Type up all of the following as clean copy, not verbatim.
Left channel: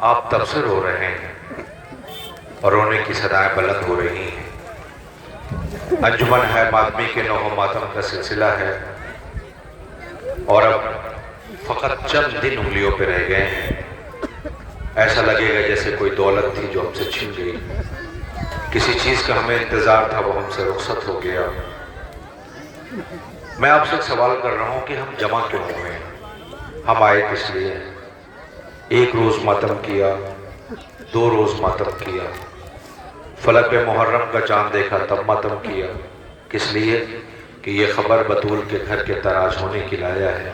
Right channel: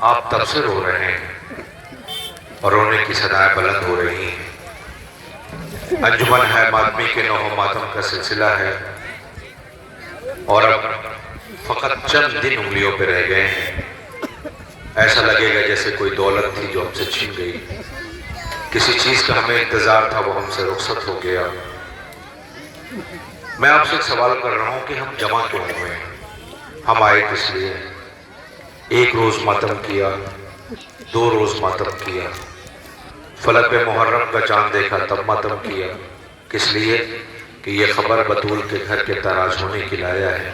آپ تبصر ہو رہے ہیں اور رونے کی صدائیں بلند ہو رہی ہیں۔ انجمن ہے ماتمی کے نوح و ماتم کا سلسلہ ہے، اور اب فقط چند دن انگلیوں پہ رہ گئے ہیں۔ ایسا لگے گا جیسے کوئی دولت تھی جو ہم سے چھن گئی، کسی چیز کا ہمیں انتظار تھا وہ ہم سے رخصت ہو گیا۔ میں آپ سے ایک سوال کر رہا ہوں کہ ہم جمع کیوں ہوئے ہیں؟ ہم آئے کس لیے؟ ایک روز ماتم کیا، 2 روز ماتم کیا، فلک پہ محرم کا چاند دیکھا تب ماتم کیا۔ کس لیے؟ کہ یہ خبر بطول کے گھر کے تاراج ہونے کی لایا ہے۔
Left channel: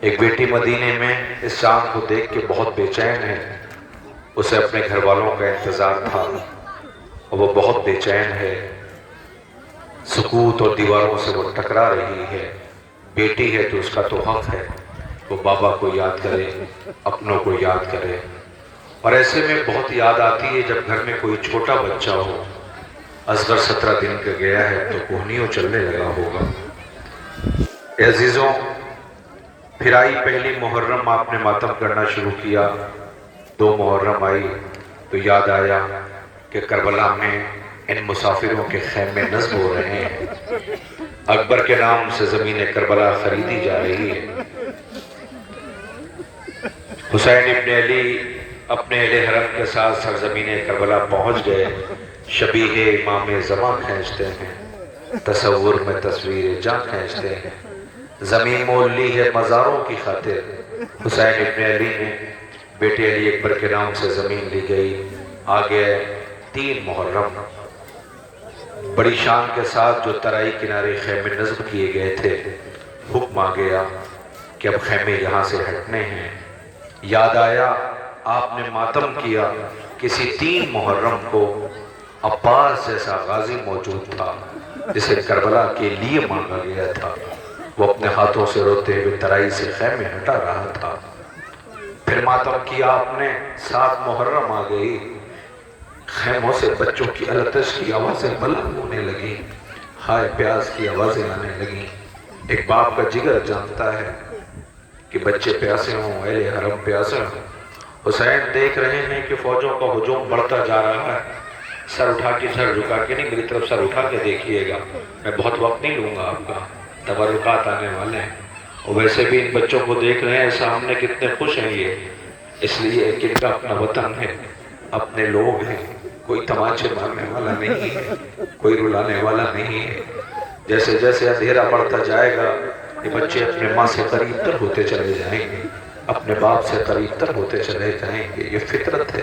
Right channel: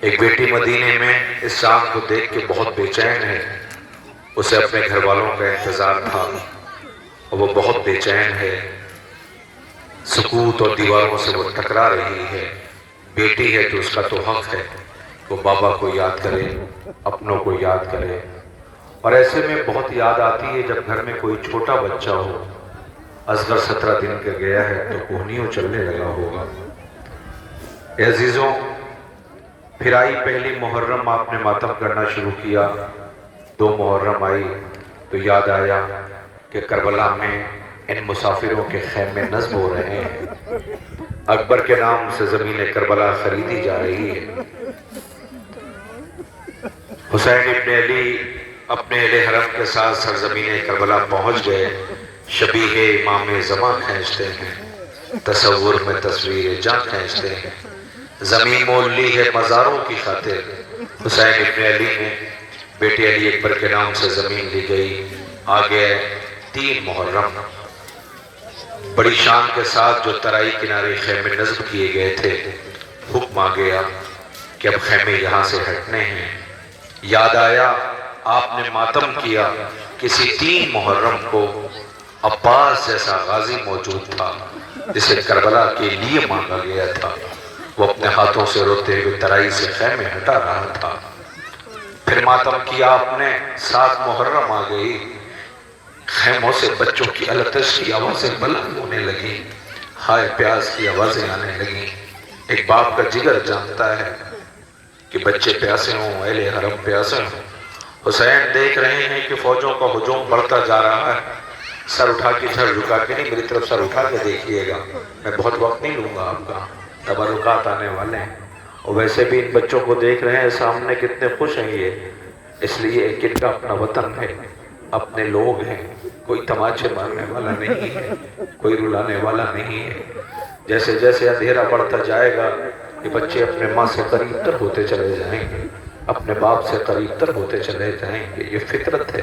ایک بیٹی مدینے میں اس چاند کو دیکھ کے بہت بے چین ہے، اسے اپنے گھر والوں کا انتظار تھا اور وہ بہت بے چین ہے، سکوت اور دیواروں سے وہ ٹکرا رہی ہے۔ بیٹی ہے تو اس کا تو حق ہے وہ بابا کو یاد کرے، اپنوں کو یاد کرے، اور ایسے میں بہت یاد آتی ہے جب گھر میں کوئی چھوٹا بچہ ہو۔ اصغر 17 دن کا گیا ہے تو کوہنیوں چلنے لگا ہوگا۔ اے عزیزوں، پھر آئی پہلی محرم، آپ نے ماتم کرنا شروع کیا۔ 2 محرم آئی تو یاد آیا کہ کربلا میں ان مسافروں کے خیمے نصب ہو رہے ہیں۔ اکبر کے نام سے زمین کربلا خریدی جا رہی ہے۔ حسین ابن علی اپنے اہل حرم کے ساتھ سرزمین کربلا پہنچ گئے۔ شبیہ امام زمان کھینچتے ہیں، تصور میں تصویر جاں کھینچتے ہیں۔ زمین مول لی ہے مزاروں کی خاطر، حسین ابن علی نے بیٹے علی اکبر کے نام سے زمین لی گئی۔ آگے 3 محرم، بڑی شان کے ساتھ جو ترائی کنارے خیمے نصب کیے گئے تھے، حکم آ گیا کہ اب خیمے یہاں سے ہٹنے ہیں۔ یاد آیا آپ نے ماتم کیا، کسی 3 محرم کو عباس جیسا غازی موجود تھا جسے کربلا کے لیے مانگا گیا تھا، وہ اپنے ہاتھوں سے روتے ہوئے ترائی سے خیمے ہٹا رہا تھا۔ پھر ماتم کیا آپ نے، 7 محرم آ گئی، خیموں سے بچوں کی التش کی آوازیں بلند ہونے لگی، ہائے پیاس کی آوازیں آنے لگیں۔ ایک باپ کا جگر جانتا ہے کہ بچے پیاسے ہوں، اہل حرم پیاسے ہوں۔ حسین دیکھ رہے ہیں کہ فوجوں کا ہجوم بڑھتا جا رہا ہے۔ سر اٹھا کے سر جھکا کے نہیں، میری طرف سر اٹھا کے دیکھیے گا، میں بہت وقت نہیں لوں گا آپ کا، تبرکات آنے والے ہیں۔ اور ویسے بھی ان بچوں کو دیکھ رہے ہیں سامنے کتنے خوش ہیں یہ، اس لیے کہ ان کا اپنا وطن ہے، اپنے لوگ ہیں، کوئی تماچے مارنے والا نہیں ہے، کوئی رلانے والا نہیں ہے۔ جیسے جیسے اندھیرا بڑھتا جائے گا یہ بچے اپنے ماں سے قریب تر ہوتے چلے جائیں گے، اپنے باپ سے قریب تر ہوتے چلے جائیں گے۔ یہ فطرت ہے،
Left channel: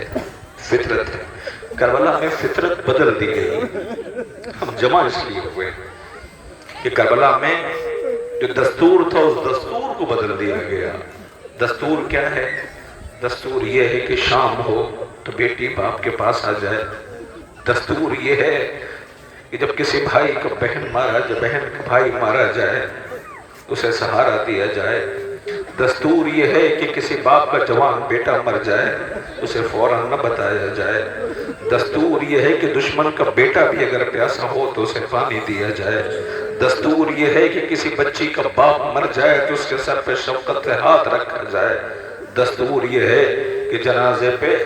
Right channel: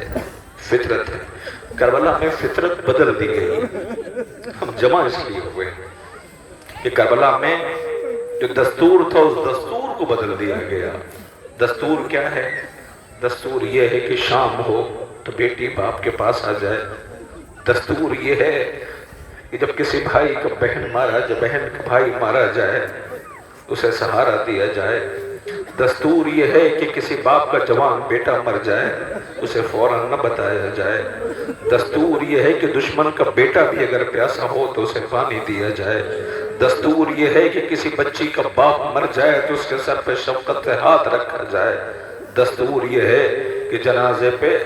فطرت ہے۔ کربلا میں فطرت بدل دی گئی۔ ہم جمع اس لیے ہوئے کہ کربلا میں جو دستور تھا اس دستور کو بدل دیا گیا۔ دستور کیا ہے؟ دستور یہ ہے کہ شام ہو تو بیٹی باپ کے پاس آ جائے۔ دستور یہ ہے کہ جب کسی بھائی کا بہن مارا جائے اسے سہارا دیا جائے۔ دستور یہ ہے کہ کسی باپ کا جوان بیٹا مر جائے اسے فوراً نہ بتایا جائے۔ دستور یہ ہے کہ دشمن کا بیٹا بھی اگر پیاسا ہو تو اسے پانی دیا جائے۔ دستور یہ ہے کہ کسی بچی کا باپ مر جائے تو اس کے سر پہ شفقت سے ہاتھ رکھا جائے۔ دستور یہ ہے کہ جنازے پہ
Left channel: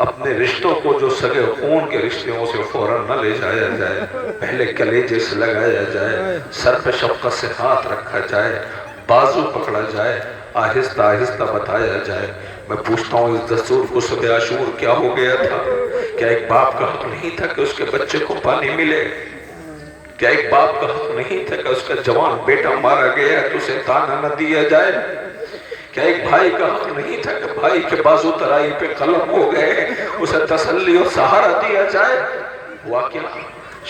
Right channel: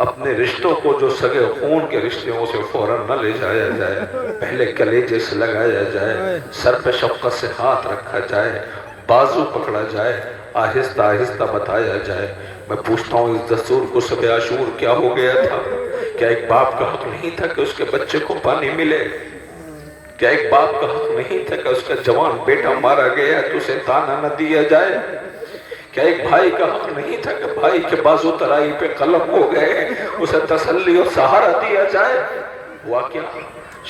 اپنے رشتوں کو جو سگے خون کے رشتے ہیں اسے فوراً نہ لے جایا جائے، پہلے کلیجے سے لگایا جائے، سر پہ شفقت سے ہاتھ رکھا جائے، بازو پکڑا جائے، آہستہ آہستہ بتایا جائے۔ میں پوچھتا ہوں اس دستور کو صبح عاشور کیا ہو گیا تھا؟ کیا ایک باپ کا حق نہیں تھا کہ اس کے بچے کو پانی ملے؟ کیا ایک باپ کا حق نہیں تھا کہ اس کا جوان بیٹا مارا گیا تو اسے تانا نہ دیا جائے؟ کیا ایک بھائی کا حق نہیں تھا کہ بھائی کے بازو ترائی پہ قلم ہو گئے اسے تسلی اور سہارا دیا جائے؟ واقعہ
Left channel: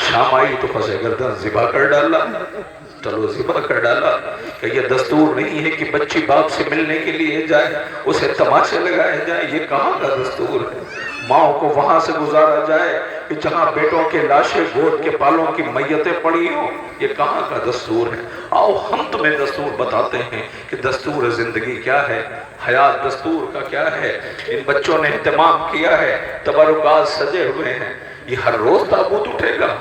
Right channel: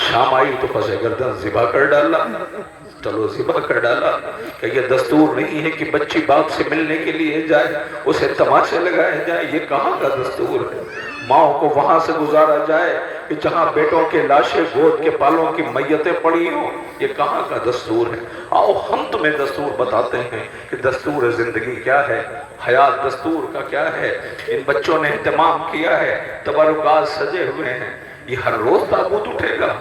شام آئی تو پس گردن ذبح کر ڈالا، چلو ذبح کر ڈالا۔ کہ یہ دستور نہیں ہے کہ بچی باپ سے ملنے کے لیے جائے اسے تماشے لگائے جائے، یہ کہاں کا دستور ہے؟ ماں کو وہاں سے گزارا جائے کہ جہاں بیٹوں کے لاشیں گود کے پالوں کی میتیں پڑی ہوں، یہ کہاں کا دستور ہے؟ آؤ ہم تمہیں دستور بتاتے ہیں کہ دستور زندگی کیا ہے، حیات دستور کا کیا ہے۔ ان بچوں نے اہتمام کیا ہے، تبرکات سجے ہوئے ہیں، یہ ہر روز تابوت اٹھے گا،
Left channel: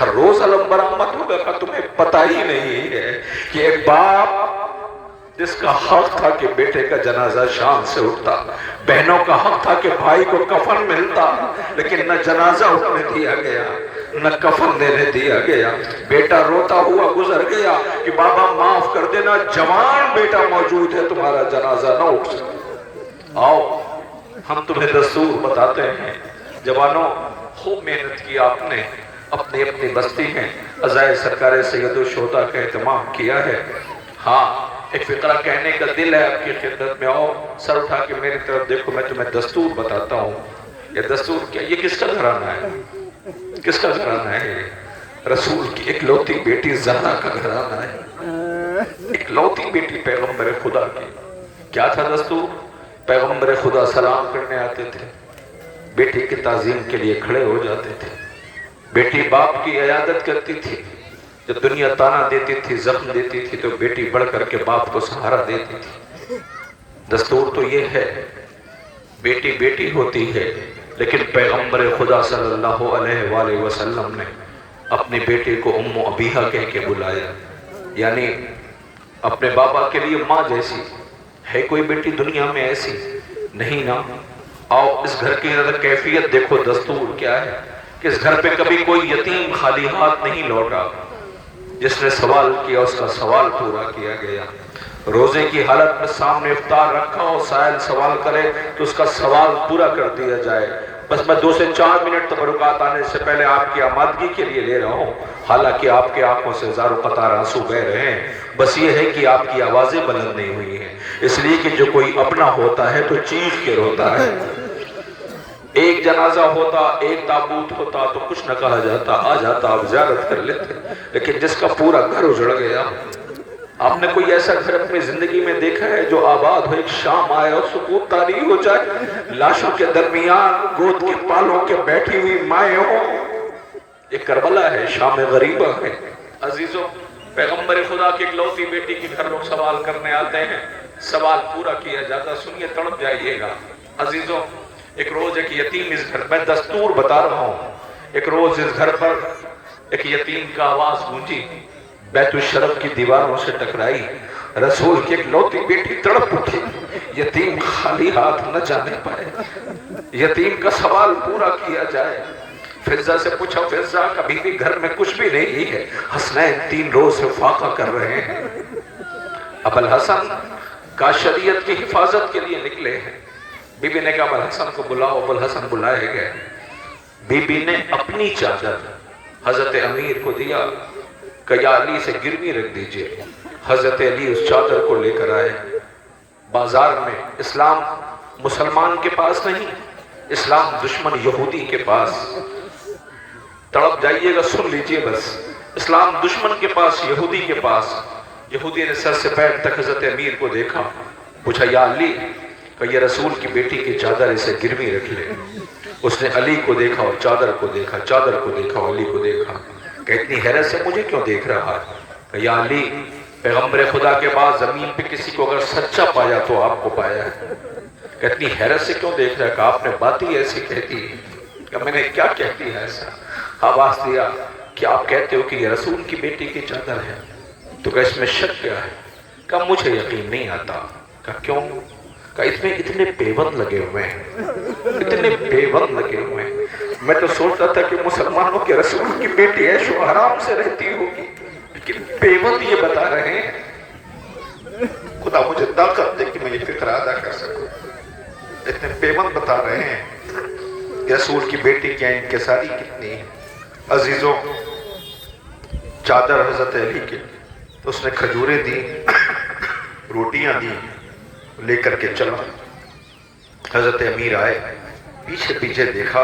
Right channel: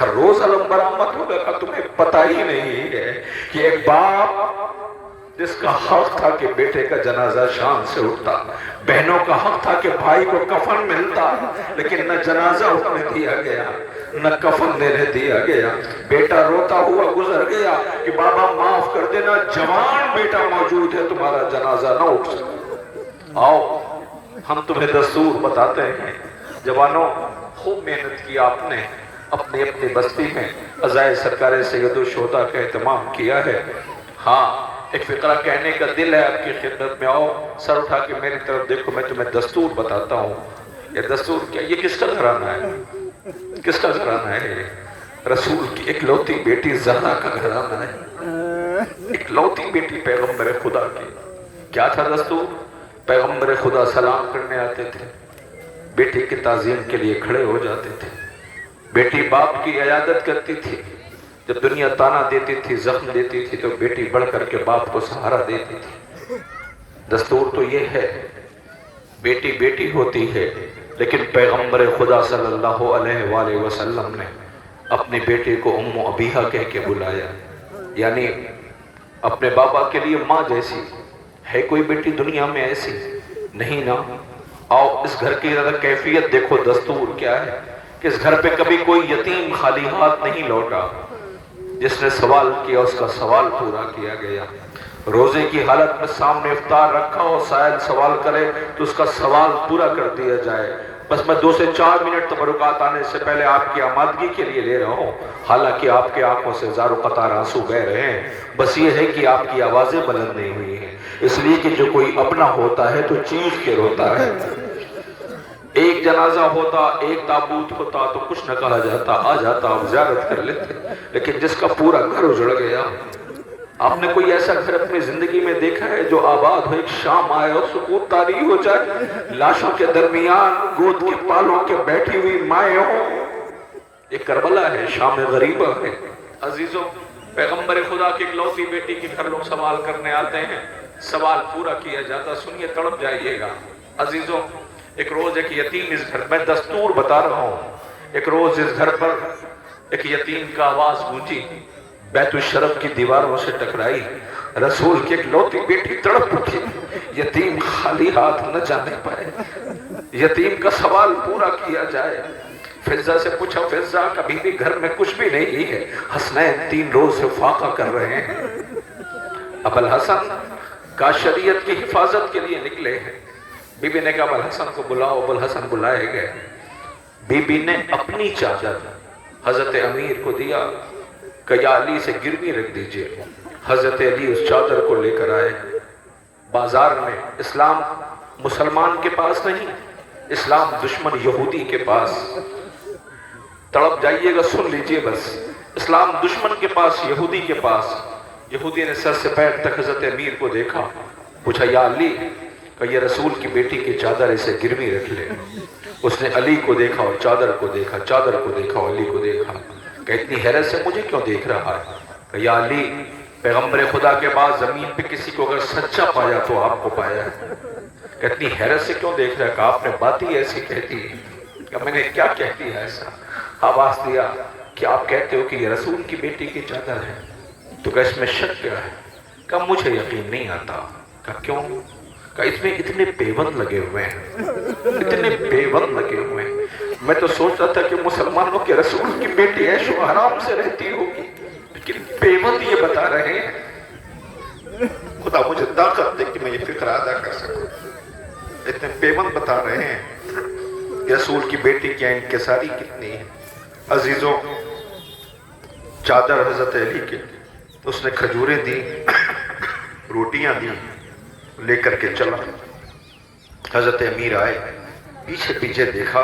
ہر روز علم برآمد ہوگا۔ تمہیں پتہ ہی نہیں ہے کہ ایک باپ جس کا حق تھا کہ بیٹے کا جنازہ شان سے اٹھتا، بہنوں کا حق تھا کہ بھائی کو کفن ملتا، لیکن نہ جنازہ اٹھنے دیا گیا، نہ کفن دینے دیا گیا۔ بیٹا روتا ہوا گزر گیا کہ بابا معاف کر دینا، جوان بیٹا موجود ہے، تمہارا جنازہ نہ اٹھ سکے۔ آؤ ہم تمہیں دستور بتاتے ہیں۔ جوانوں، خوب محنت کی آپ نے، اپنی اپنی بستی میں عزائے سرکار سید الشہداء کا اہتمام کیا ہے۔ ہاں، ایک فقرہ کہنے کا دل ہے آپ کی خدمت میں۔ آؤ سر اٹھا کے میری طرف دیکھو، میں تمہیں دستور بتاتا ہوں۔ یہ دستور کیا؟ یہ کس کا گھرانہ ہے؟ کس کا گھرانہ ہے؟ رسول کی اکلوتی بیٹی زہرا کا گھرانہ ہے، اکلوتی بیٹی پیغمبر خدا کی۔ کیا تھا دستور؟ پیغمبر خدا سلام کرنے آتے تھے، بیٹی کی تعظیم کے لیے کھڑے ہو جاتے تھے، بیٹی باپ کی عیادت کرتی تھی، جب دنیا تانا دیتی تھی، زخم دیتی تھی، تو بیٹی بڑھ کر کے باپ کو سہارا دیتی تھی۔ دستور تو یہ ہے، بیٹی بیٹی ہوتی ہے، لیکن پیغمبر خدا صلی اللہ علیہ وآلہ وسلم نے اپنی بیٹی کو ام ابیہا کہہ کے بلایا، یعنی اپنے بابا کے لیے ماں جیسی۔ ہے کوئی بیٹی دنیا میں ایسی؟ نہیں نا۔ آؤ اس گھر کی ذرا کیفیت دیکھو، دستور کیا ہے کہ اس گھر پہ کبھی کوئی یتیم خالی ہاتھ نہیں لوٹا، جس نے سوال کیا اس کا سوال پورا کیا گیا۔ روزے کی حالت میں سامنے افطار رکھا ہو، سائل سوال کرے تو اس کا سوال پورا کر دیا جائے۔ بس میں 2 سے 4 منٹ تبرکات آنے سے پہلے آپ کی آمادگی کے لیے لے رہا ہوں، حالانکہ آپ کے آنکھوں سے ہزاروں قطار آنسو بہہ رہے ہیں۔ بس یہ ہے کہ آپ کی آوازیں بلند نہیں ہوئی ہیں، اس لیے کہ جو کوئی اپنا ہوتا ہے تو چیخ کے روتا ہے۔ ایک جنازہ ہوتا، ایک تابوت ہوتا تو کچھ نہ کہا جاتا، آ جاتا، آپ زیارت کر لیتے، لیکن جس کا پورا گھر اجڑ گیا۔ آپ نے کوئی ایسا گھر اپنی زندگی میں دیکھا ہے جو آباد ہو، ایک شام آئے اور سکوت طاری ہو جائے، لاشوں کے درمیان گود کی پالوں کے بیٹھی ہوئی مائیں ہوں؟ یہ کربلا ہے، شام غریبہ ہے۔ عزیزوں، پیغمبر خدا کی اکلوتی بیٹی کے گھر لوگ سوال کرنے آتے ہیں، سوال پورا کیا جاتا، سنیے تڑپ جائیے گا۔ عزیزوں، ایک روز ایک یتیم اس گھر، میں دستور بتا رہا ہوں، ایک روز اس گھر پر ایک یتیم کا آواز گونجی، بیت الشرف کی دیواروں سے ٹکرائی، رسول کی اکلوتی بیٹی تڑپ اٹھی، یتیم خالی ہاتھ نہ جانے پائے، یتیم کا سوال پورا کیا جائے۔ فضہ سے پوچھا، فضہ کبھی بھی گھر میں کچھ بھی نہیں ہے، حسنین 3 روز سے فاقہ کر رہے ہیں، ابوالحسن کا شریعت کی حفاظت کے لیے نکلے ہیں۔ بی بی نے کہا ابوالحسن کو بلاؤ، ابوالحسن بلائے گئے۔ بی بی نے اپنی چادر حضرت امیر کو دیا کہ یا علی سے گروی رکھ دیجئے۔ حضرت علی اس چادر کو لے کر آئے۔ بازار میں اسلام مسلمان کے پاس نہیں، اسلام دشمن یہودی کے پاس۔ تڑپ جائیے گا، سن لیجئے بس، اسلام دشمن کے پاس، یہودی کے پاس۔ یہودی نے سر سے پیر تک حضرت امیر کو دیکھا، پوچھا یا علی کہ یہ رسول کی بیٹی کی چادر اسے گروی رکھ لے۔ اس نے علی کو دیکھا اور چادر کو دیکھا، چادر کو دیکھا اور علی کو دیکھا، کہ اتنی حیرت سے مجھے کیوں دیکھ رہا ہے؟ کہ یا علی، پیغمبر خدا کے بعد زمین پہ کسی کو اگر سچا پایا تو آپ کو پایا ہے، کہ اتنی حیرت سے کیوں دیکھ رہا ہے؟ کہ آپ نے بات ہی ایسی کہتی ہے۔ کہ میں نے کیا کہتی ہے ایسا؟ آواز دیا کہ آپ کہتے ہو کہ یہ رسول کی بیٹی کی چادر ہے، تو کہ اس میں شک کیا ہے؟ کہ مجھے یقین نہیں آتا۔ کہ کیوں؟ کہ اس میں اتنے پیوند لگے ہوئے ہیں، اتنے پیوند لگے ہوئے ہیں، میں تو سوچتا تھا کہ مسلمانوں کے رسول کی بیٹی عیش و آرام سے رہتی ہوگی، لیکن پیوند یہ بتا رہے ہیں۔ خدا مجھے طاقت دے کہ میں یہ فکر ادا کر سکوں۔ اتنے پیوند بتا رہے ہیں، رسول کی بیٹی کی انکساری کتنی ہے۔ عزیزوں، چادر حضرت علی کے، اس نے کھجوریں دی، روٹیاں دی، لے کر کے چلا۔ حضرت امیر آئے، پیچھے پیچھے دیکھا،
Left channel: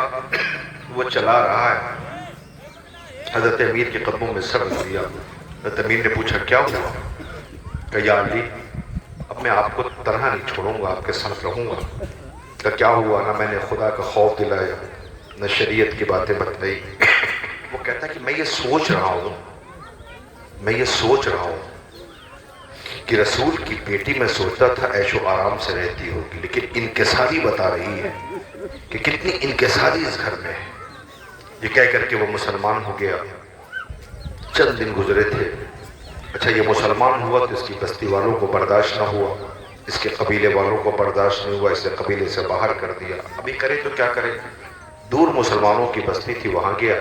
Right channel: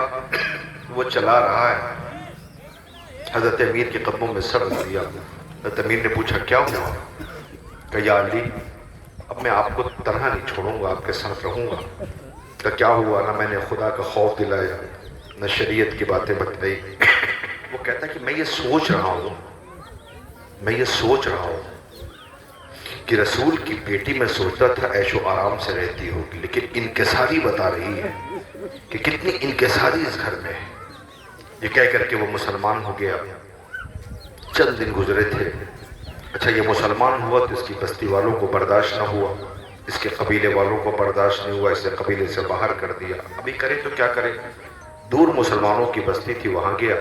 وہ چلا رہا ہے۔ حضرت امیر کے قدموں میں سر رکھ دیا۔ حضرت امیر نے پوچھا کیا ہوا؟ کہ یا علی، اب میں آپ کو طرح نہیں چھوڑوں گا، آپ کے ساتھ رہوں گا۔ کہ کیا ہوا؟ نہ میں نے خدا کا خوف دلایا، نہ شریعت کی باتیں بتائی۔ وہ کہتا کہ میں یہ سوچ رہا ہوں، میں یہ سوچ رہا ہوں کہ رسول کی بیٹی میں سوچتا تھا عیش و آرام سے رہتی ہوگی، لیکن انکساری بتا رہی ہے کہ کتنی انکساری اس گھر میں ہے۔ یہ کہہ کر کے وہ مسلمان ہو گیا۔ چند دن گزرے تھے، اچھا یہ مسلمان ہوا تو اس کی بستی والوں کو برداشت نہ ہوا، اس کے قبیلے والوں کو برداشت نہیں ہوا، اسے قبیلے سے باہر کر دیا۔ ابھی کرے تو کیا کرے؟ دور مسلمانوں کی بستی تھی، وہاں گیا،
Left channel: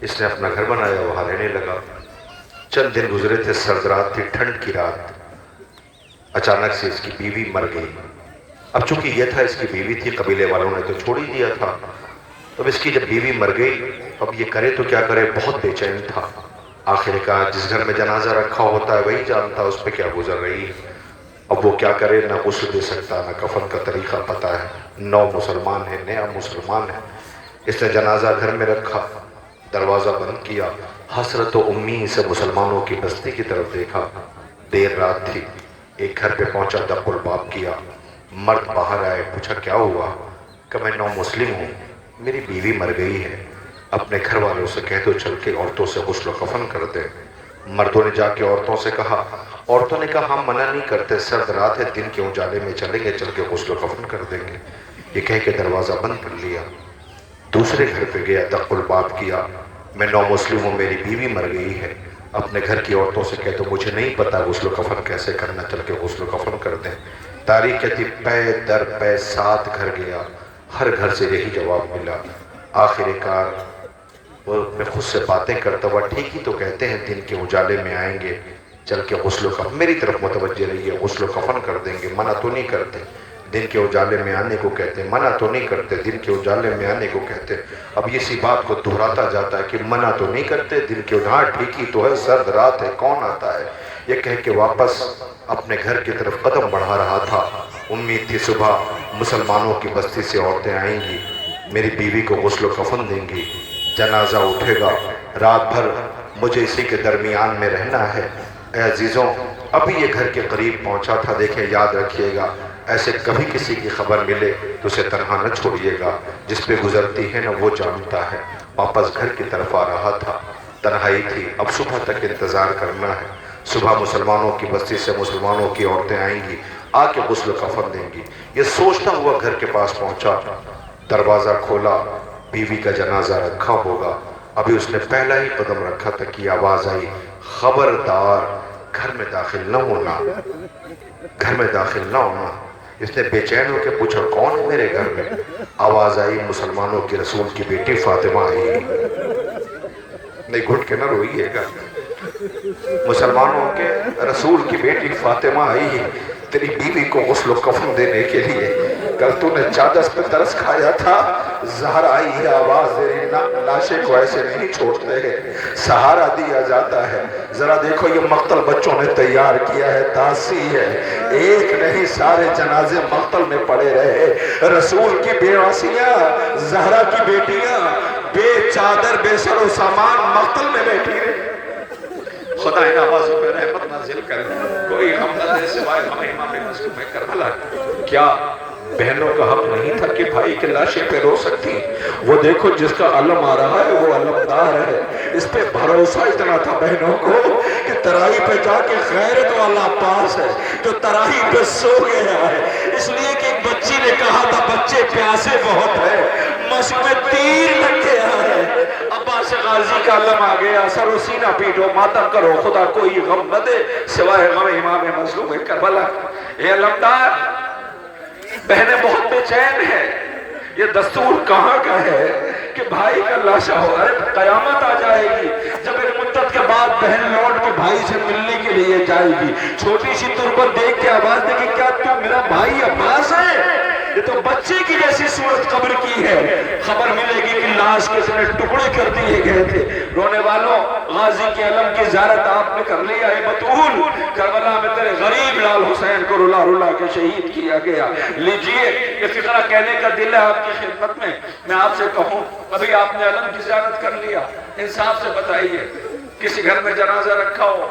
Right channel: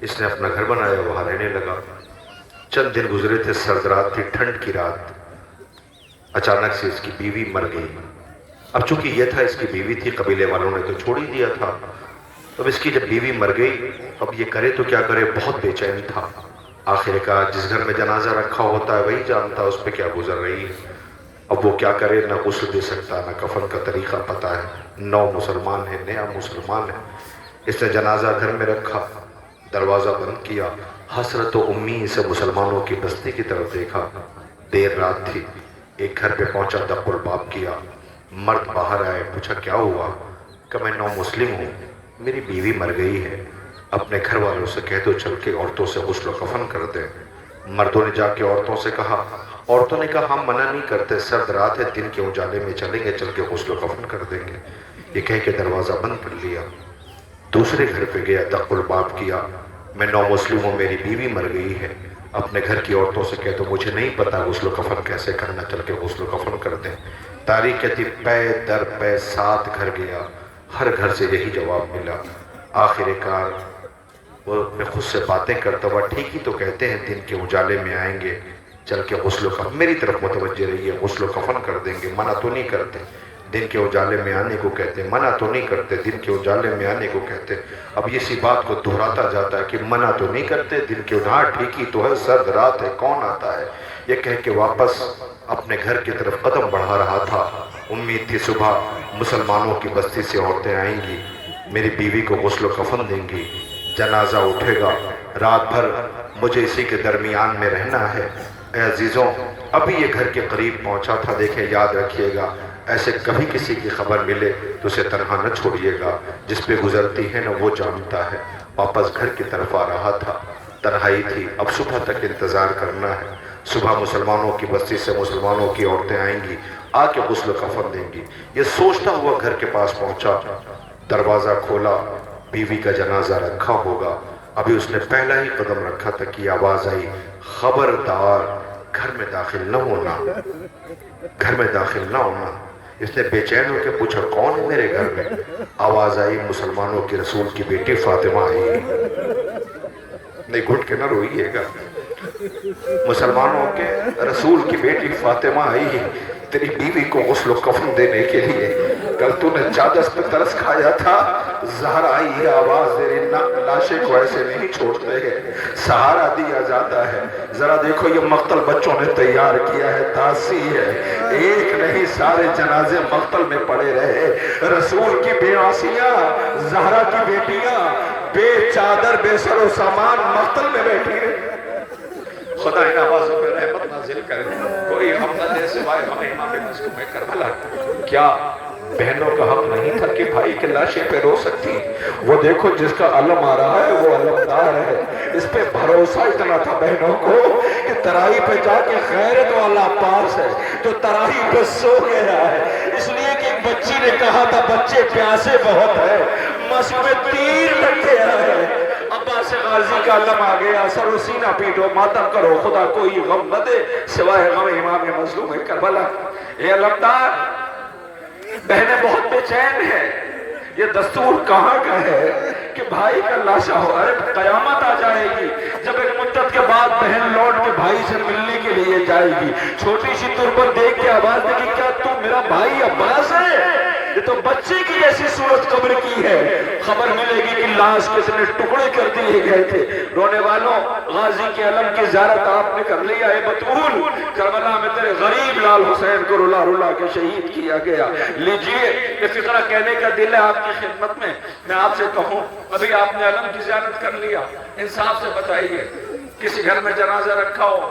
اس نے اپنا گھر بنایا، وہاں رہنے لگا۔ چند دن گزرے تھے، سرد رات تھی، ٹھنڈ کی رات، اچانک سے اس کی بیوی مر گئی۔ اب چونکہ یہ تھا اس کی بیوی تھی، قبیلے والوں نے تو چھوڑ ہی دیا تھا۔ اب اس کی جب بیوی مر گئی، اب یہ کرے تو کیا کرے؟ بہت بے چین تھا۔ آخر کہا جس گھر میں جنازہ رکھا ہوتا ہے وہی جانتا اس پہ کیا گزر رہی ہے۔ اب وہ کیا کرے؟ نہ غسل دے سکتا، نہ کفن کا طریقہ پتہ ہے، نو مسلمان ہے، نیا مسلمان ہے۔ اس نے جنازہ گھر میں رکھا، دروازہ بند کیا، حسرت و امید سے مسلمانوں کی بستی کی طرف دیکھا۔ دیر رات تھی، ایک گھر پہ پہنچا، دق الباب کیا، مرد باہر آئے، پوچھا کیا ہوا؟ کہ میں نو مسلم ہوں، میری بیوی مر گئی ہے، اپنے گھر والوں سے کہہ دو چل کے عورتوں سے غسل و کفن کر دیں۔ مردوں نے جا کے عورتوں سے کہا، عورتوں نے کہا ہم منع نہیں کرتے، سرد رات ہے، دن کے اجالے میں چلیں گے، چل کے غسل و کفن کر دیں گے۔ یہ کہہ کے دروازہ بند کر لیا۔ دوسرے گھر پہ گیا، دق الباب کیا، میں نو مسلم ہوں، میری بیوی مر گئی ہے، اپنے گھر کی عورتوں سے کہہ دو مجھے نہیں پتا غسل و کفن کیسے کرنا، چل کے غسل و کفن کر دیں۔ تاریخ کہتی پے در پے 7 گھر گیا، ہر گھر سے یہی جواب ملا۔ آخر کار وہ اپنے خود سے باتیں کرتا ہوا، ٹھیک ہی تو کہتے ہیں دن کے اجالے میں آئیں گے، چل کے غسل و کفن، میری طرف متوجہ رہیے، غسل و کفن کر دیں گے، منع تو نہیں کرتے، دن کے اجالے میں آنے کو کہتے ہیں، منع تو نہیں کرتے، دن کے اجالے میں آنے کو کہتے ہیں۔ اب اسی بات کو دہراتا جاتا ہے کہ منع تو نہیں کرتے، دن کے اجالے، ٹھیک ہی تو ہے، سرد رات ہے، کون آتا ہے؟ یہ کہہ کے واپس اپنے گھر کی طرف قدم بڑھا رہا تھا۔ امید تھی صبح مسلمانوں کی بستی سے عورتیں آئیں گی، میری بیوی کو غسل و کفن دیں گی، جنازہ اٹھے گا، رات بھر مجھے اسی کے درمیان میں رہنا ہے۔ اے عزیزوں، ابھی یہ گھر کے قریب پہنچا تھا، دیکھیں یاد رکھیے گا، ایسے کبھی کسی کی خبر ملے تو اسے تنہا نہ چھوڑیے گا، جس پہ گزرتی ہے نہ وہ جانتا ہے۔ واپس گھر کی طرف آ رہا تھا، تنہائی تھی، اب صبح تک انتظار کرنا ہے، صبح مسلمانوں کی بستی سے مسلمانوں کی عورتیں آئیں گی، آ کے غسل و کفن دیں گی۔ یہ سوچتا ہوا گھر کے پاس پہنچا، دروازہ کھولا، بیوی کا جنازہ رکھا ہوگا، ابھی اس نے پہلا ہی قدم رکھا تھا کہ آواز آئی، خبردار گھر میں داخل نہ ہونا، گھر میں داخل نہ ہونا۔ اس نے بے چین ہو کے پوچھا کون ہے میرے گھر میں؟ آواز آئی مسلمانوں کے رسول کی بیٹی فاطمہ آئی ہے۔ نہیں گھٹ کے نہ روئیے گا، مسلمانوں کے رسول کی بیٹی فاطمہ آئی ہے تیری بیوی کو غسل و کفن دینے کے لیے، کل تو نے چادر پہ ترس کھایا تھا، زہر آئی ہے آواز دے رہی، لاشے کو ایسے نہیں چھوڑتے ہیں، سہارا دیا جاتا ہے۔ ذرا دیکھو یہ مقتل بچوں نے تیار کیا ہے، تاسی ہے، ایک نہیں سارے جنازے مقتل میں پڑے رہے، رسول کی بیواسیاں، زہرا کی بیٹیاں، بے چادر بے سر و سامان مقتل میں بیٹھی رہے۔ خدا ان آوازوں میں رحمت نازل کرے، کوئی غم نہ دے سوائے غم امام مظلوم کربلا۔ کیا بہنوں کا حق نہیں تھا کہ بھائی کے لاشیں پہ رو سکتی؟ وہ دیکھو جس کا علم آ رہا ہے وہ علمدار ہے، اس پہ بھروسہ اتنا تھا بہنوں کو کہ ترائی پہ جا کے غیرت والا پاس ہے جو ترائی پہ سو گیا ہے، اس لیے کہ ایک بچی نے کہا تھا بچے پیاسے بہت ہے، مشق میں تیر لگ گیا ہے، عباس غازی کا علم آ گیا، سر و سینہ پیٹو ماتم کرو، خدا کوئی غم نہ دے سوائے غم امام مظلوم کربلا۔ یہ علمدار بہنیں بہت بے چین ہیں، یہ دستور کہاں کا ہے کہ بھائی کا لاشا ہو، ارے قیامت آ جائے گی جب ایک مدت کے بعد بہن لوٹ کے بھائی سے ملنے کے لیے جائے گی، چھوٹی سی طور پر دیکھ کے آواز دے کہ کیا تو میرا بھائی عباس ہے؟ یہ تو بچے کی جیسی صورت قبر کی ہے، خبر ملے گی کہ لاش کے اتنے ٹکڑے کر دیے گئے تھے۔ رونے والوں، غازی کے علم کی زیارت آپ نے کر لیا ہے، بطول کربلا میں تیرے غریب لال حسین کو رلا رلا کے شہید کیا گیا، لیجئے یہ فکرہ کہنے کا دل ہے آپ کی خدمت میں آپ سے کہوں، ابھی آپ نے علم کی زیارت کر لیا، انصاف سے بتائیے، کسی گھر میں جنازہ رکھا ہو،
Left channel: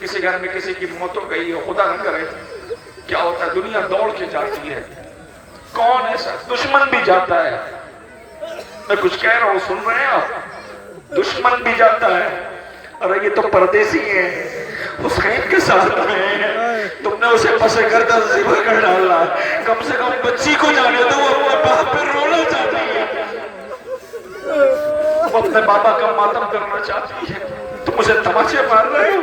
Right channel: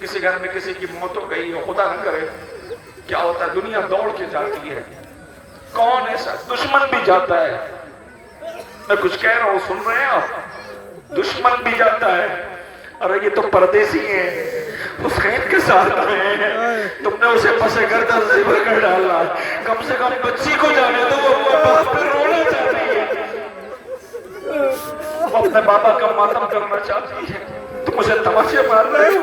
کسی گھر میں کسی کی موت ہو گئی ہو، خدا نہ کرے، کیا ہوتا ہے دنیا دوڑ کے جاتی ہے، کون ایسا دشمن بھی جاتا ہے، میں کچھ کہہ رہا ہوں سن رہے ہیں آپ، دشمن بھی جاتا ہے، ارے یہ تو پردیسی ہیں، حسین کے ساتھ ہیں، تم نے اسے پسے گردہ ذبح کر ڈالا ہے، کم سے کم بچی کو جانے دو، وہ اپنے باپ پہ رونا چاہتی ہے، وہ اپنے بابا کا ماتم کرنا چاہتی ہے، تم اسے تماشے مار رہے ہو،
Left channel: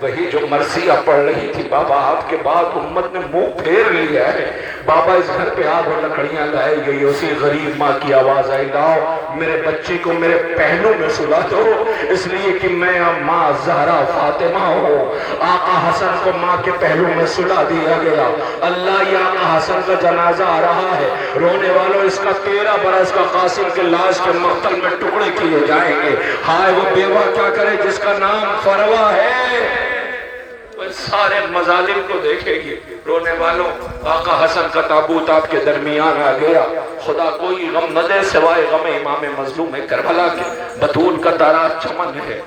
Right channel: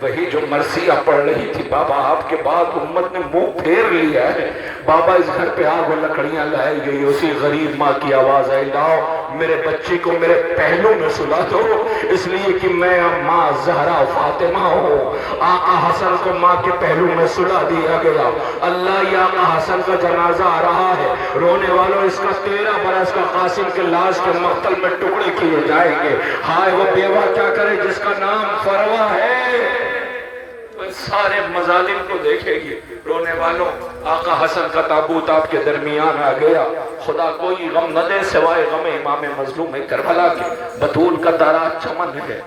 وہی جو مرثیہ پڑھ رہی تھی بابا آپ کے بعد امت نے منہ پھیر لیا ہے. بابا اس گھر پہ آگ اور لکڑیاں لائی گئی. اسی غریب ماں کی آواز آئی لاؤ میرے بچی کو میرے پہلو میں سلا دو, اس لیے کہ میں اب ماں زہرا فاطمہ ہوں. آقا حسن کو ماں کے پہلو میں سلا دیا گیا. اللہ یہ آقا حسن کا جنازہ آ رہا ہے. رونے والوں اس کا 13 برس کا قاسم کے لاش کے مقتل میں ٹکڑے کیے جائیں گے. ہائے وہ بیوہ کیا کرے جس کا نام فروا ہے, وہ سارے مظالم کو دیکھے گی. رونے والوں آقا حسن کا تابوت آپ کے درمیان آ گیا. خدا کوئی غم نہ دے سوائے غم امام مظلوم کربلا کے. بطول کا تارا چمن ہے,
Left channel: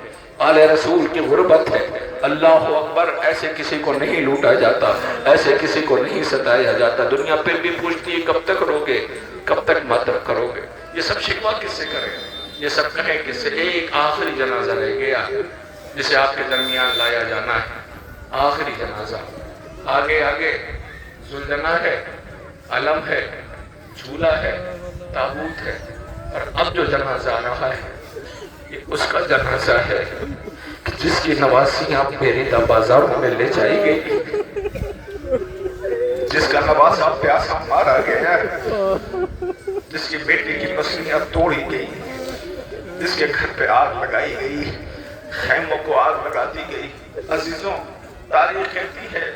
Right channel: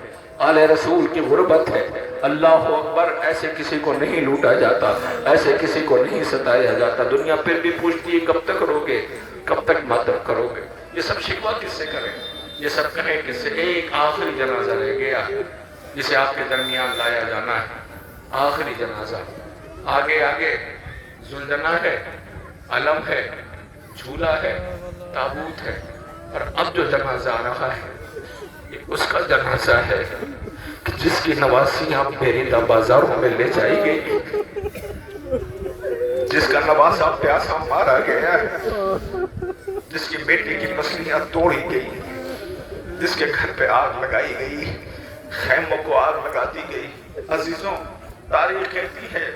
آل رسول کی غربت ہے. اللہ اکبر, ایسے کسی کو نہیں لوٹا جاتا, ایسے کسی کو نہیں ستایا جاتا. دنیا پھر بھی پوچھتی ہے کب تک روگے, کب تک ماتم کرو گے. یہ سب شکوہ کس سے کریں, یہ سب کہیں کس سے. ایک آخری جنازہ رہ گیا جسے آپ کے درمیان لایا جانا ہے. آخری جنازہ آگے آگے زلزلہ ہے, علم ہے, جھولا ہے, تابوت ہے. اور اب جو جنازہ آ رہا ہے یہ اس کا جنازہ ہے کہ جس کی نواسی آپ میری بازاروں میں لے جائی گئی, جس کا نواسا پیاسا مارا گیا, جس کی بیٹی کی پسلیاں توڑی گئی, جس کے گھر پہ آگ لگائی گئی, خیموں کو آگ لگا دی گئی. عزیزوں تاریخ کہتی ہے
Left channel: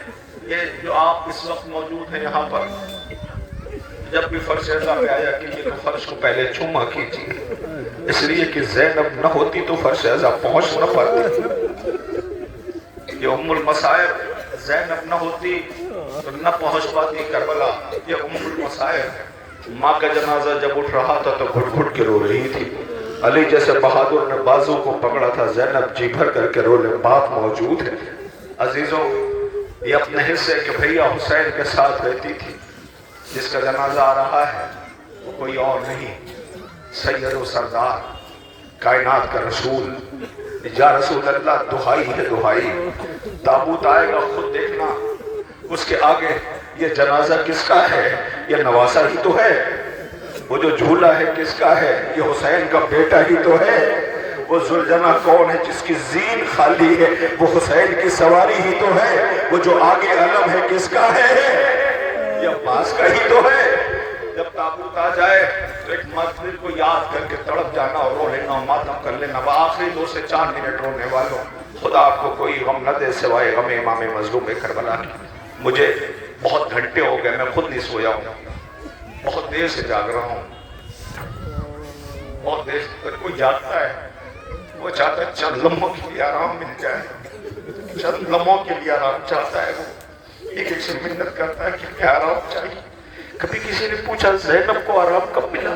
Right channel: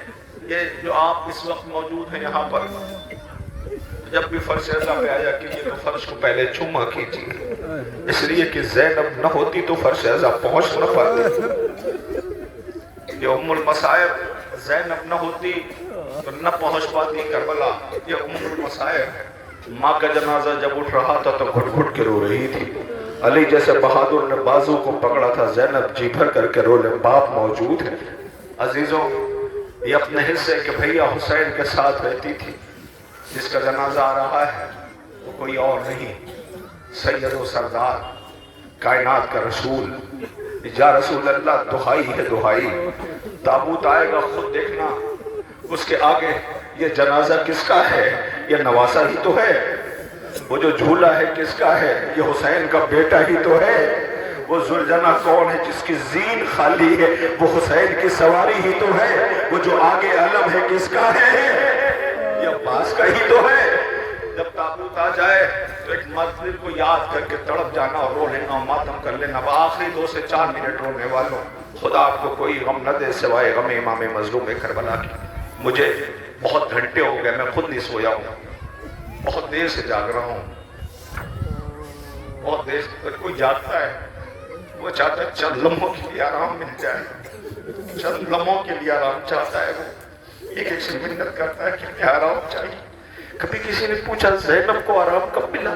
یہ جو آپ اس وقت موجود ہیں یہاں پر, جب بھی فرش ایسا پہ آیا کہ یہ فرش کو پہلے چوما کیجیے, اس لیے کہ زینب نہ ہوتی تو فرش ایسا پہنچ نہ پاتی. یہ ام المصائب زینب نہ ہوتی تو نہ پہنچ پاتی کربلا. یہ ام المصائب ماں کا جنازہ جب اٹھ رہا تھا تو گھٹ گھٹ کے رو رہی تھی. علی جیسے بہادر نے بازو کو پکڑا تھا, زینب جی بھر کر کے رو لے, باپ موجود ہے. عزیزوں یہ اپنے حصے کے بھیا حسین کے ساتھ رہتی تھی. جس کا جنازہ آ رہا ہے وہ کوئی اور نہیں, سید و سردار کائنات کا رسول. یا رسول اللہ دہائی ہے دہائی. تابوت آئے گا خود دیکھنا, اس کے آگے یہ جنازہ کس کا ہے, یہ نواسا ہی تو ہے. وہ جو جھولا ہے کس کا ہے, یہ حسین کا بیٹا ہی تو ہے. وہ زلجنہ کون ہے جس کی زین خالی ہے, وہ حسین کی سواری ہی تو ہے. وہ جو آگے علم ہے کس کا ہے, یہ عباس کا ہی تو ہے. جب تابوت آ جائے تو ایک مسجد کو یاد کر کے تڑپ جانا اور رو لینا, ماتم کر لینا. آخری 2 سے 4 منٹ رونے والوں, خدا آپ کو کوئی غم نہ دے سوائے غم امام مظلوم کربلا کی. مجھے بہت گھنٹے ہو گئے, میں خود نہیں سویا ہوں, بہت دیر سے جاگ رہا ہوں. بہت دیر سے کوئی جاگتا ہے وہ چاہتا ہے چند لمحوں کے لیے آرام مل جائے, چند لمحوں کے لیے آرام چاہتا ہے. وہ ایک ایک سے منت کرتا ہے کہ کیا آرام چاہیے. کبھی کسی نے پوچھا زینب کو آرام کب ملا,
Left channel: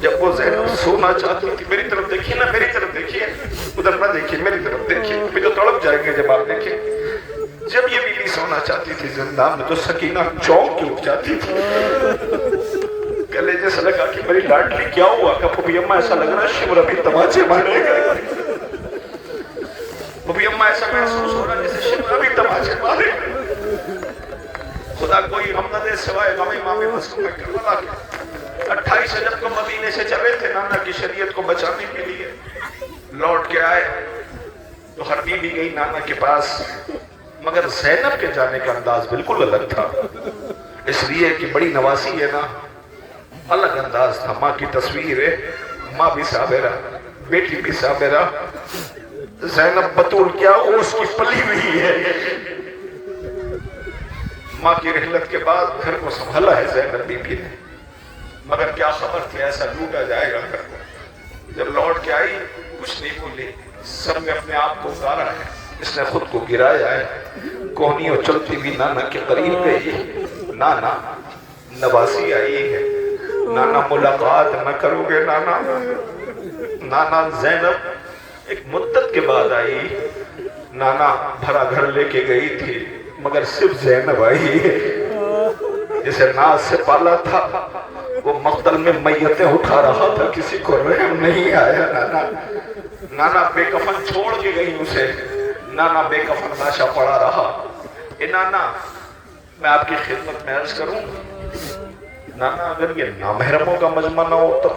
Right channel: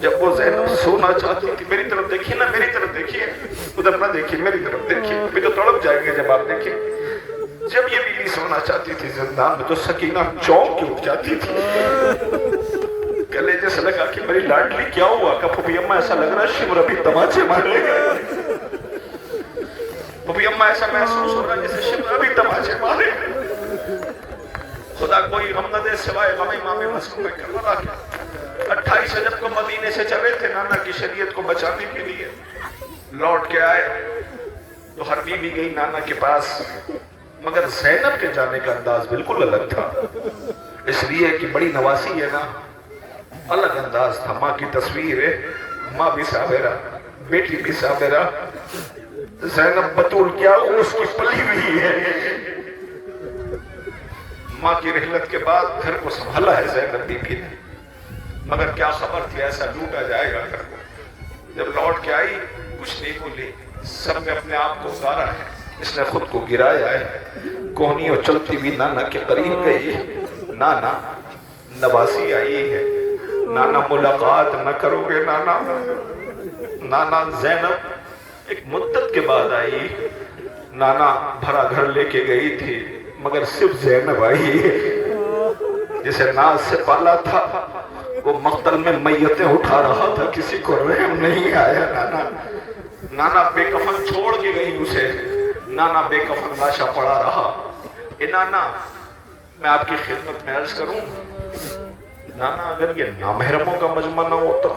جب وہ زینب سونا چاہتی تھی. میری طرف دیکھیے نا, میری طرف دیکھیے, ادھر نہ دیکھیے, میری طرف دیکھیے. ابھی تو تڑپ جائیں گے جب آپ دیکھیں. جب یہ بیوی سونا چاہتی تھی زندان میں تو سکینہ چونک کے اٹھ جاتی تھی. گلے جیسے لگا کہ میری لاڈلی کیا ہوا, کہ پھوپھی اماں ایسا لگ رہا شمر ابھی تماچے مارے گا. پھوپھی اماں ایسا محسوس ہو رہا جیسے شمر ابھی تماچے مارے گا. خدا کوئی غم نہ دے سوائے غم امام مظلوم کربلا کے. 28 رجب کو مدینے سے چلے تھے نانا کی شریعت کو بچانے کے لیے. لوٹ کے آئے تو ہر بیوی گئی نانا کے پاس, مگر زینب کے جانے کا انداز بالکل الگ تھا. اس لیے کہ بڑی نواسی ہے نا, الگ انداز تھا. ماں کی تصویر ہے, ماں بھی صابرہ, بیٹی بھی صابرہ. زینب بطول کیا اس کی پلی ہوئی ہے. ماں کی رحلت کے بعد گھر کو سنبھالا ہے زینب بی بی نے, مگر کیا خبر تھی ایسا لوٹا جائے گا گھر کو. جب لوٹ کے آئی کچھ نہیں بولی, سب نے اپنے آپ کو اتارا ہے, اس نے خود کو گرایا ہے. کوہنیوں چلتی بھی نانا کے قریب گئی. نانا نواسی آئی ہے, نانا ملاقات نہ کرو گے نانا. نانا زینب ایک مدت کے بعد آئی. نانا بھرا گھر لے کے گئی تھی, مگر صرف زینب آئی ہے. جسے ناز سے پالا تھا وہ مقتل میں میتیں اٹھا رہا تھا, کسی کو رحم نہیں آیا. نانا نانا بے کفن چھوڑ کے گئی اسے. نانا بے کفن لاشا پڑا رہا. اے نانا میں آپ کی خدمت میں عرض کروں, نانا اگر یہ نامحرموں کا مجمع نہ ہوتا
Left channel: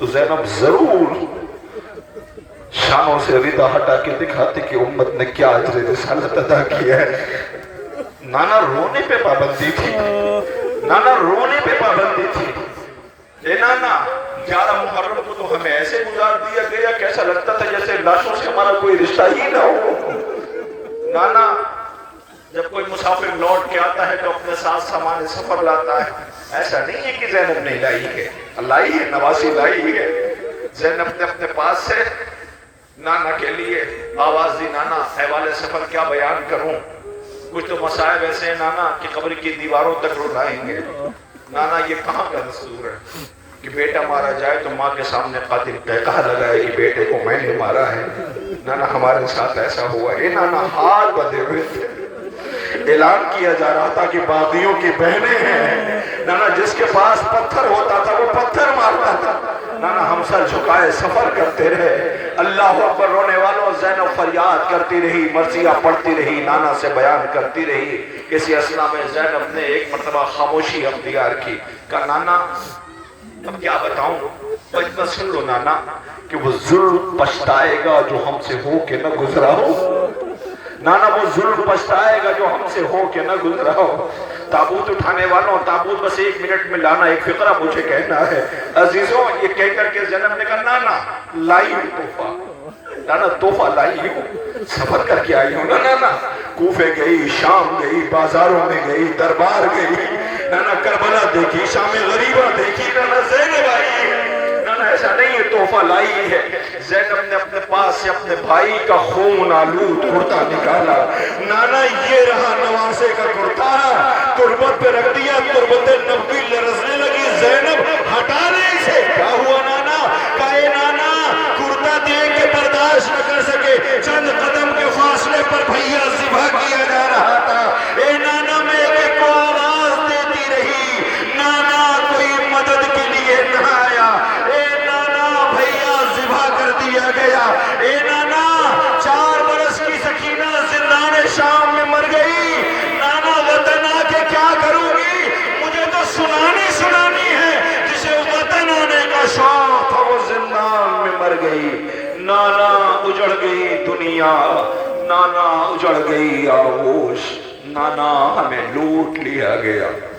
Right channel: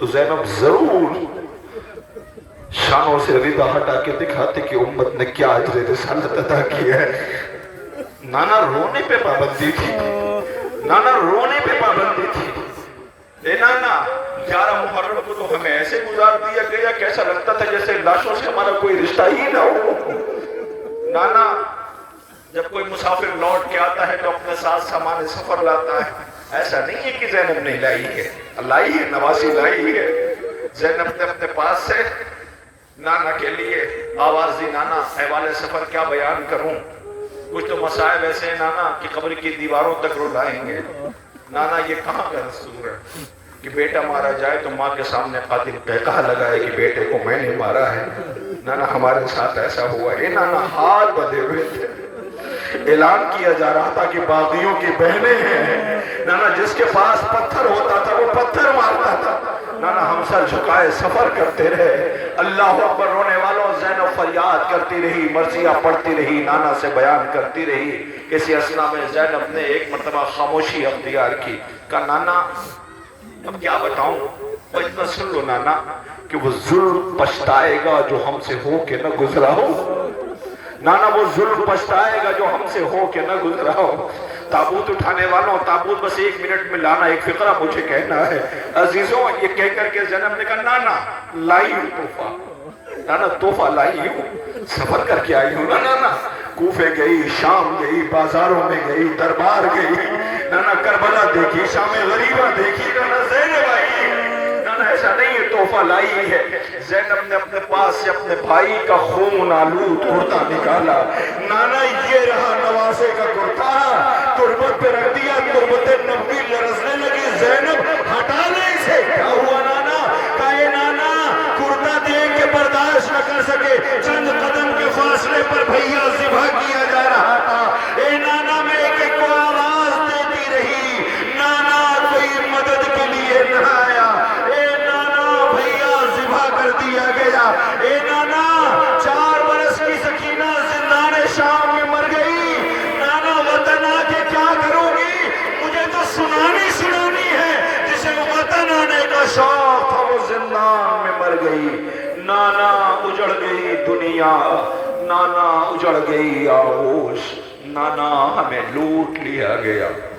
تو زینب ضرور شانوں سے ردا ہٹا کے دکھاتے کہ امت نے کیا اجر رسالت ادا کیا ہے۔ نانا رونے پہ پابندی تھی، نانا رونے پہ پابندی تھی۔ اے نانا 11 محرم کو تو ہمیں ایسے گزار دیا گیا کہ ایسا لگتا تھا جیسے لاشوں سے ہمارا کوئی رشتہ ہی نہ ہو۔ نانا جب کوئی مسافر لوٹ کے آتا ہے تو اپنے ساتھ سامان سفر لاتا ہے، ایسا نہیں ہے کہ زینب نے لائی ہے، لائی ہے، نواسی لائی ہے۔ زینب نے اپنے پاس سے نانا کے لیے آواز دی، نانا احوال سفر کیا بیان کروں، کچھ تو مسائب ایسے ہیں نانا کہ قبر کی دیواروں تک رلائیں گے۔ نانا یہ کہاں کا دستور ہے کہ بیٹا مارا جائے تو ماں کے سامنے قاتل کہتا لگائے کہ بیٹے کو میں نے مارا ہے۔ نانا ہمارے ساتھ ایسا ہوا ہے۔ نانا ہاتھ بدے ہوئے تھے، اعلان کیا جا رہا تھا کہ باغیوں کی بہنیں ہیں۔ نانا جس کے پاس پتھر ہوتا تھا وہ پتھر مارتا تھا۔ نانا ہم سر جھکائے سفر کرتے رہے۔ اللہ اکبر رونے والوں زینب فریاد کرتی رہی، مرثیہ پڑھتی رہی، نانا سے بیان کرتی رہی۔ کسی اسنا میں زینب نے ایک مرتبہ خاموشی اختیار کی، کہا نانا اب کیا بتاؤں، اتنا سن لو نانا کہ وہ ظلم پچھتائے گا جو ہم سے ہو کے نہ گزرا ہو۔ نانا وہ ظلم پچھتائے گا جو ہم سے ہو کے نہ گزرا ہو۔ تابوت اٹھانے والوں، تابوت بس 1 منٹ میں لانا، ایک فقرہ مجھے کہنا ہے۔ عزیزوں یہ کہہ کر کے زینب نے کہا نانا لائی ہوں تحفہ، نانا تحفہ لائی ہوں، سفر کر کے آئی ہوں نانا۔ کوفے گئی، شام گئی، بازاروں میں گئی، دربار گئی، نانا کربلا دیکھی، شام غریبہ دیکھی، نانا زینب آئی ہے۔ نانا ایسا نہیں ہے تحفہ لائی ہے۔ زینب نے اپنے پاس سے اپنے بھائی کا خون آلود کرتا نکالا، نانا یہ رہا نواسے کا کرتا، تربت پہ رکھ دیا، تربت نبوی لرزنے لگی، زینب ہٹا نہیں سے کیا ہوا نانا؟ کہے نانا کرتا دیکھ کے برداشت نہ کر سکے، چند قدم کے فاصلے پر بھیا ذبح کیا جا رہا تھا۔ اے نانا میں ایک کو آواز دیتی رہی، نانا کوئی مدد کے لیے نہ آیا، اے نانا بھیا ذبح کر دیا گیا، اے نانا 4 برس کی سکینہ زندان شام میں مر گئی، نانا وطن آ کے کیا کروں گی؟ مجھے تو سنانی ہے، جسے وطن آنے کا شوق تھا وہ زندان میں مر گئی۔ نانا اجڑ گئی دنیا، نانا اجڑ گئی آغوش، نانا ہمیں لوٹ لیا گیا۔